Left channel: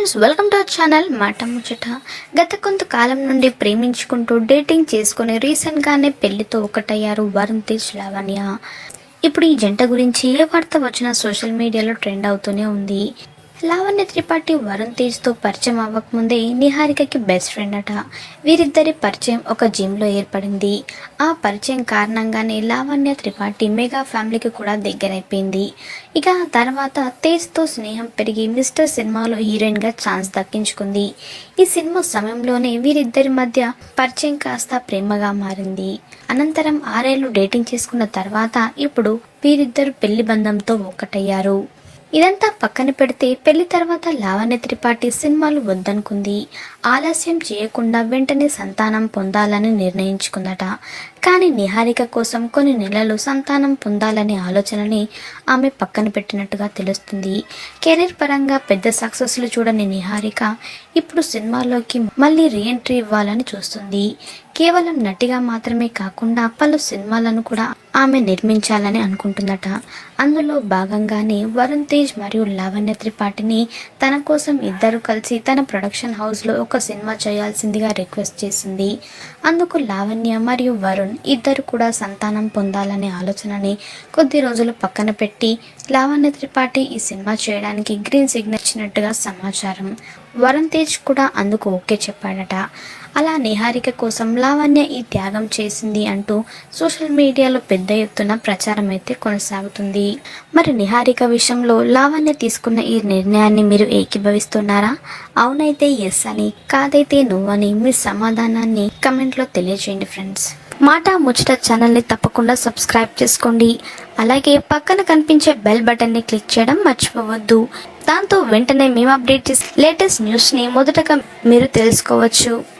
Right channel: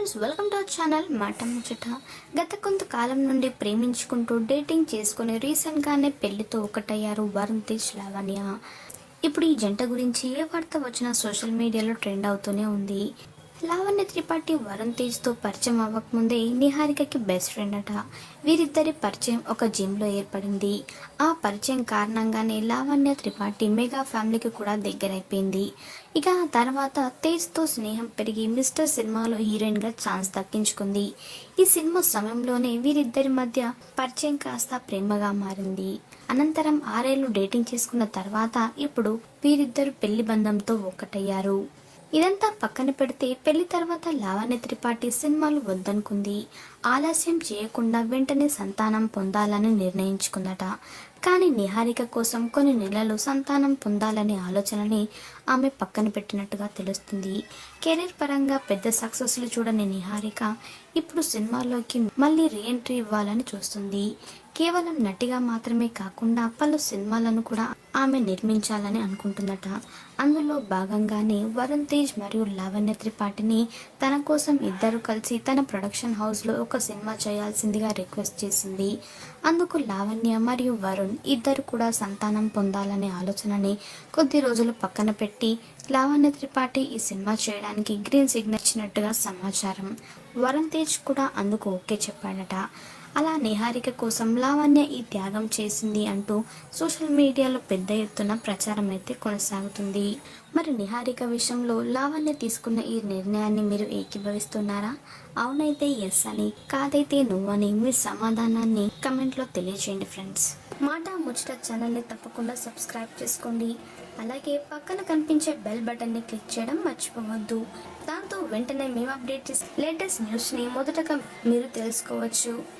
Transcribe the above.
Friends welcome to our channel మాట ముచ్చట. గత కొంతకాలం నుండి ప్రేమించుకుంటూ డేటింగ్ చేసుకుని రీసెంట్గానే పెళ్ళితో ఒకటయ్యారు వరుణ్ తేజ్ లావణ్య. ఇప్పుడు ఈ జంట గురించి ఏ వార్త వచ్చినా సోషల్ మీడియాలో ట్రెండ్ అవుతూనే ఉంది. లావణ్య త్రిపాఠి వరుణ్ తేజ్తో పరిచయం అవ్వకముందే నిహారికకి బెస్ట్ ఫ్రెండ్ అట. వీరిద్దరి పరిచయం ఒక జిమ్లో ఏర్పడింది. ఆ పరిచయం కారణంగానే లావణ్య త్రిపాఠి మెగా ఫ్యామిలీకి కూడా దగ్గరైపోయింది. ఇక ఆ తర్వాత తేజ్తో స్నేహం పెరిగి మిస్టర్ సినిమాలో హీరోయిన్గా ఛాన్స్ దక్కించుకుంది. ఈ సినిమా సమయంలోనే వీరిద్దరి మధ్య పరిచయం కాస్త ప్రేమగా మారింది. అనంతరం ఆరేళ్ళు డేటింగ్ చేసుకున్న తర్వాత ఇప్పుడు వీరిద్దరు పెళ్ళి బంధంతో ఒక్కటయ్యారు. ఇదంతా పక్కన పెడితే పెళ్ళి తర్వాత లావణ్య త్రిపాఠి సినిమాలు వద్దనుకుంది. ఆలస్యం చేయకుండా వెంటనే సంతానం పొందాలని నిర్ణయించుకుందట. కానీ నిహారిక కోసం కొన్ని నెలలు సంతానం పొందాలనే ఆలోచనని ఆమె పక్కన పెట్టినట్టుగా తెలుస్తుంది. కెరీర్ పరంగా పెద్ద సక్సెస్లు చూడని నిహారిక ఇప్పుడు సినిమాల్లోకి మళ్ళీ రీఎంట్రీ ఇవ్వాలని చూస్తుంది. కేవలం నటిగా మాత్రమే కాకుండా పలు సినిమాలను కూడా ఆమె నిర్మించాలని అనుకుంటుందట. అందులో భాగంగానే వరుణ్ తేజ్ మరియు లావణ్య త్రిపాఠిని తన కోసం ఇద్దరు కలిసి తన ప్రొడక్షన్ హౌస్లో ఒక సినిమా చేయాల్సిందిగా రిక్వెస్ట్ చేసింది. అందుకు లావణ్య మరియు వరుణ్ ఇద్దరు కూడా సంతానం పొందాలనే ఆలోచనని కొద్ది రోజులు పక్కన పెట్టి లావణ్య త్రిపాఠి ఈ సినిమా చేయడానికి గ్రీన్ సిగ్నల్ ఇచ్చినట్టుగా సమాచారం. వరుణ్ తేజ్ కూడా అందుకు ఓకే చెప్పాడట. అలా నిహారిక కోసం లావణ్య ఈ త్యాగం చేసింది అంటూ సోషల్ మీడియాలో పెద్ద ఎత్తున ప్రచారం అయితే కొనసాగుతుంది. మరి నిహారిక విషయంలో లావణ్య తీసుకున్న ఈ నిర్ణయాన్ని మీరు ఏకీభవిస్తున్నారా? అవునైతే ఎస్ అని కాదైతే నువ్వని మీ సమాధానాన్ని కమెంట్లో తెలియజేయండి ఫ్రెండ్స్ మాట ముచ్చట ఛానల్ని తప్పకుండా సబ్స్క్రైబ్ చేసుకోండి. అలాగే పక్కన కనిపించే బెల్ బటన్ని క్లిక్ చేయడం మర్చిపోవద్దు. దాంతో వెంటనే మేము అప్డేట్ చేసి లేటెస్ట్ న్యూస్ని మొదటగా మీరు తెలుసుకోవచ్చు.